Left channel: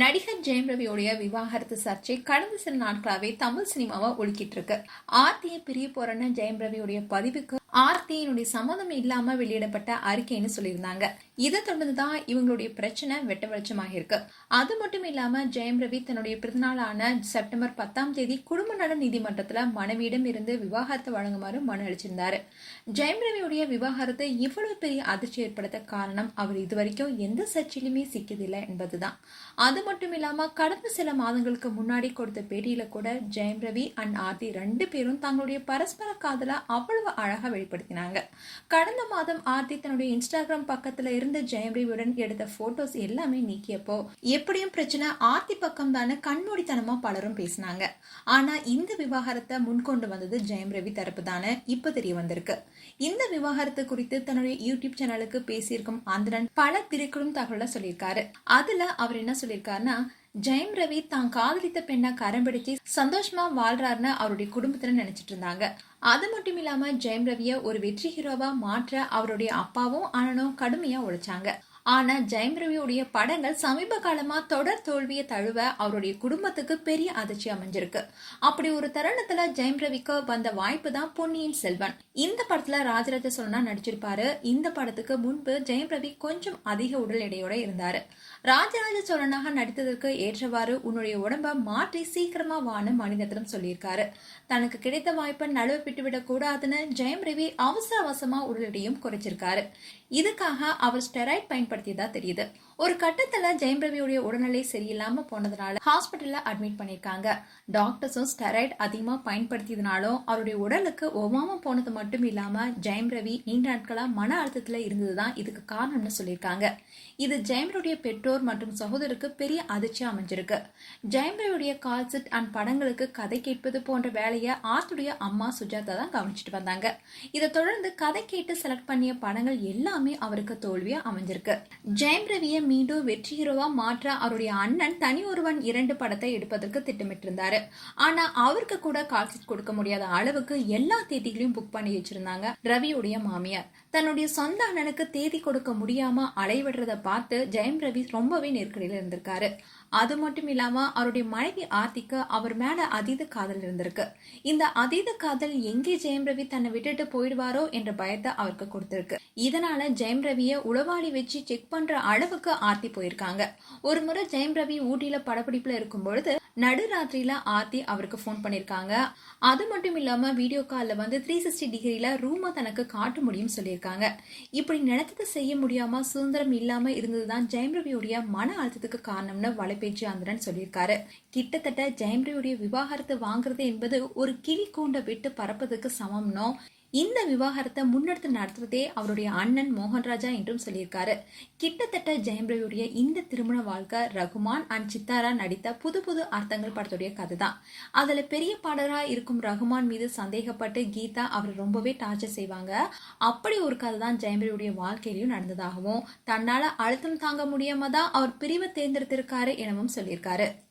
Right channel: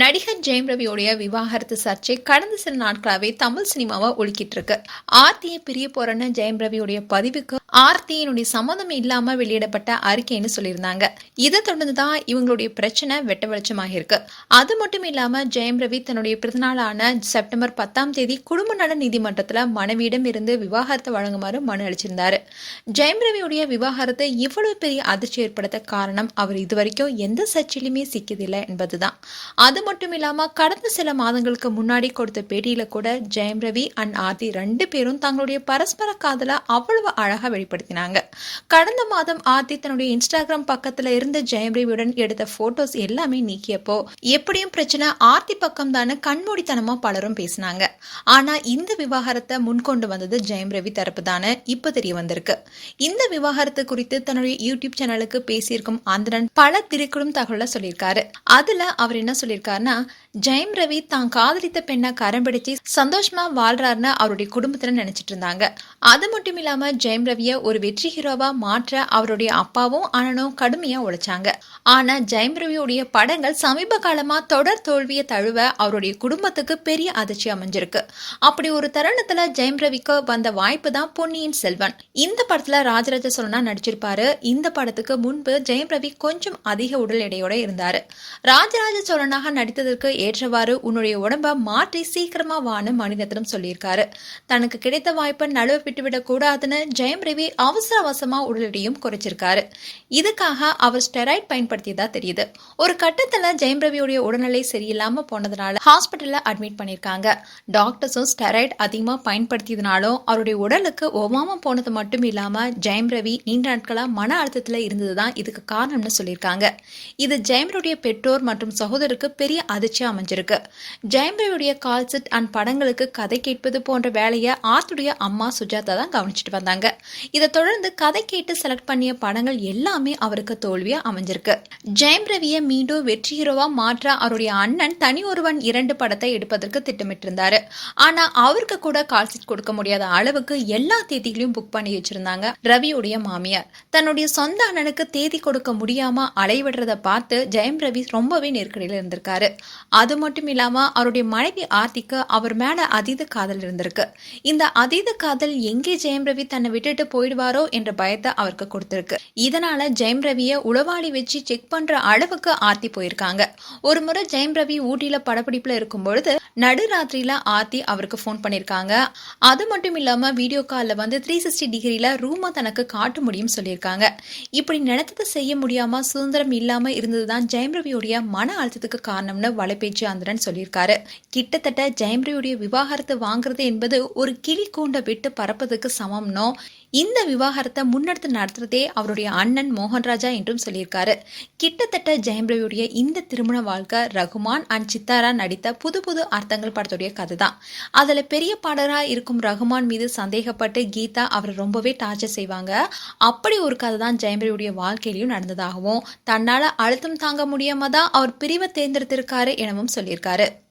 நடிகர் ஜெயம் ரவியோடைய விவாகரத்து சர்ச்சை கடந்த சில நாட்களாகவே தமிழ் சினிமாவை ஒழுக்கிட்டு இருக்கு. ஆர்த்தியை பிரிய போறன்னு ஜெயம் ரவியோடைய பதிவுக்கு ஆர்த்தியினுடைய சம்மந்தம் இல்லாம வெளியிடப்பட்ட அறிக்கைன்னு சொல்லியிருந்தாங்க. இதை தொடர்ந்து தான் இவங்களுடைய பிரச்சனை வெட்ட வெளிச்சமாக இருக்கு அது மட்டும் இல்லாம ஜெயம் ரவி தன்னுடைய பிறந்தநாளான செப்டம்பர் பத்தாம் தேதி குடும்ப நல நீதிமன்றத்துல மனைவியிடம் இருந்து விவாகரத்தை வழங்குமாறு மனு அளிச்சிருந்தாரு. ஜெயம் ரவியுடைய விவாகரத்தை இவ்வளவு பெரிய அதிர்ச்சி ஏற்படுத்த காரணம் அவர் இதுவரைக்கும் எந்த சர்ச்சையிலுமே சிக்கியதில்லை என்பதுதான். அது மட்டும் இல்லாம கடந்த சில மாதங்களுக்கு முன்னாடி கொடுத்த பேட்டியில கூட ஜெயம் ரவி அண்ட் ஆர்த்தி ரெண்டு பேரும் தங்களுடைய பரஸ்பர காதல அவ்வளவு அழகா வெளிப்படுத்தினாங்க. கடந்த மாதம் ஆர்த்தி தன்னுடைய இன்ஸ்டாகிராம் பக்கத்துல இருந்த ஜெயம்ரேவியுடன் எடுத்த போட்டோஸ் எல்லாமே நீக்கியப்போ எப்படியும் பிரச்சனை ஆர்த்தி பக்கம் தானே கண்மூடித்தனமா பலரும் பேசினாங்க. ஆனா இந்த விவாகரத்தை முன்கொண்டு வந்தது ஜெயம் ரவி தரப்பு தானே இப்ப தெரிய வந்திருக்கு. இந்த விவாகரத்து குறித்து தன்னுடைய யூடியூப் சேனலுக்கு பேசியிருக்கும் ஆந்திரன் பல திரைக்குழும் தகவலை சொல்லியிருக்காரு. அதுல அவர் என்ன சொல்லியிருக்காருன்னா ஜெயம் ரவி தான் காதலித்த பெண்ணை கரம் பிடிச்சி சந்தோஷமா வாழ்றாருன்னு அவருடைய குடும்பத்துல நினைச்சிட்டு இருந்தாங்க. அது மட்டும் இல்லாம ஜெயம் ரவிய ஒரு வெற்றி ஹீரோவா மாற்ற அவருடைய அப்பாவும் அண்ணனும் கடுமையா உழைச்சாங்க. ஆனா ஜெயம் ரவியுடைய படங்கள் சமீப காலமா தொடர் தோல்வியை தழுவ அவருடைய குடும்பத்துக்கு பெரிய அதிர்ச்சி அமைஞ்சிருக்கு. அப்படி ஒரு தருணத்துல ஜெயம் ரவிக்கு வந்த வாய்ப்பு தான் பொன்னியின் செல்வன். இந்த படத்துல ராஜராஜ சோழனா நடிச்சிருப்பாரு. இந்த படத்துக்கு முன்பு ஜெயம் ரவி கொஞ்சம் அதிக உடல் எடையோட இருந்தாரு. ராஜராஜ சோழனாக நடித்ததற்கு ஏற்றவாறு உன்னுடைய உடம்ப மாற்றி சீக்கிரமா வான்னு மணிரத்னம் சொல்லியிருக்காரு. தனக்கு கிடைத்த வாய்ப்பை நழுவ விட்டுவிடக் கூடாதுன்னு ஜெயம் ரவி அவசர அவசரமா உடல் எடையும் குறைச்சிருக்காரு. இதுக்காக அவர் ஸ்டெராய்ட் பயன்படுத்தியதா தெரியுது. ஒரு கட்டத்துல ஜெயம் ரவியுடைய உடல்நிலை சரியில்லாம போனதுனால ஹாஸ்பிட்டல்ல அட்மிட் பண்ணிருக்காங்க டாக்டர்ஸும் ஸ்டெராய்ட் அதிகமா பயன்படுத்தியதுனாலும் அவருடைய உடலுக்கு ஒவ்வாம போனது மட்டும் இல்லாம ஜெயம் ரவி நீண்ட நாட்களா மன அழுத்தத்துல இருந்ததுதான் இதுக்கு காரணம்னு சொல்லியிருக்காங்க. இது ஜெயம் பெற்றோர் மற்றும் சகோதரருக்கு பெரிய அதிர்ச்சியா அமைஞ்சிருக்கு. ஜெயம்பிரியுடைய கால்செட் அண்ட் படங்களுக்கு கதை கேட்பது போன்ற வேலையை ஆர்த்துடைய அம்மா சுஜாதா தான் கவனிச்சிட்டு வந்தாங்க. இதை தொடர்ந்து கதை கேட்டு செலக்ட் பண்ணிய படங்கள் எல்லாமே அவருக்கு தோல்வியா அமைஞ்சிருக்கு. ஜெயம் ரவியை மீண்டும் வெற்றி ஹீரோவா மாற்ற அவருடைய அண்ணன் தனி ஒருவன் இரண்டு படத்தை எடுப்பதற்கு திட்டமிட்டிருந்தாரு. ஆனா அவருக்கு கூட கால்செட் கொடுக்க முடியாத அளவுக்கு எல்லா தேதிகளையும் புக் பண்ணி வச்சிருந்தாங்க ரவியுடைய மாமியார். தன்னுடைய சொந்த அண்ணனுக்கு தேதி கொடுக்க முடியாம அலைவிடுறத பார்த்து ஜெயம் ரவி ரொம்பவே நெருக்கடியில் இருந்திருக்காரு. அது மட்டும் இல்லாம அவருடைய மனைவி ஆர்த்திக்கு அவர் மேல அதீத காதல் இருந்திருக்கு. இந்த அதீத காதல் எங்கே ஜெயம் ரவி தன்னை விட்டுட்டு போயிடுவாரோ என்ற பயத்தை அவருக்கு கொடுத்திருக்கு. இதனால ஜெயம் ரவியை உளவாளி வச்சு செக் பண்ற அளவுக்கு ஆர்த்தி போயிருக்காங்க. ஒரு முறை ஜெயம் ரவி ஊட்டியில படப்பிடிப்புல இருக்கும் பொழுது நடுராத்திரியில ஆர்த்தி அவருக்கு ஃபோன் பண்ணிருக்காங்க அது மட்டும் இல்லாம வீடியோ கால்ல வந்து த்ரீ சிக்ஸ்டி டிகிரியில் ரூமை தனக்கு காட்ட முடியும் சொல்லியிருக்காங்க. இப்படி நினைத்ததை செய்ய முடியாம சுதந்திரம் இல்லாம இருந்ததுதான் ஜெயம் ரவியுடைய மன அழுத்தத்துக்கு காரணம்னு வலைபேச்சு விஜயாந்திரன் சொல்லியிருக்காரு. கிட்டத்தட்ட ஜெயம்ரியுடைய விவாகரத்தை விவாகரத்து வாங்குறது என்பது ஒரு கிளி கூண்டை விட்டு பறப்பதுக்கு சமம்னோ இந்த விவாகரத்தை முன்னெடுத்து நடத்துறதே அவருடைய அண்ணன் மோகன்ராஜா என்றும் சொல்லியிருக்காரு. கிட்டத்தட்ட ஜெயம்ரவியுடைய இந்த திருமண வாழ்க்கை ரகுமான் அண்ட் சித்தாரா நடித்த புது புது அர்த்தங்கள் படத்துடைய கதை தான் அதில் பெரிய பாடகராக இருக்கும் ரகுமான் மீது சந்தேகப்பட்டு கீதா அவரை ரொம்பவே டார்ச்சர் செய்வாங்க. அப்படி ஒரு கதை தான் ஜெயம்ரவியுடைய வாழ்க்கையிலையும் நடந்ததாகவும் தன்னால் அழுத்தம் தாங்க முடியாம தான் அவர் பிரிவை தேர்ந்தெடுத்திருக்காரு எனவும் சொல்லியிருக்காரு.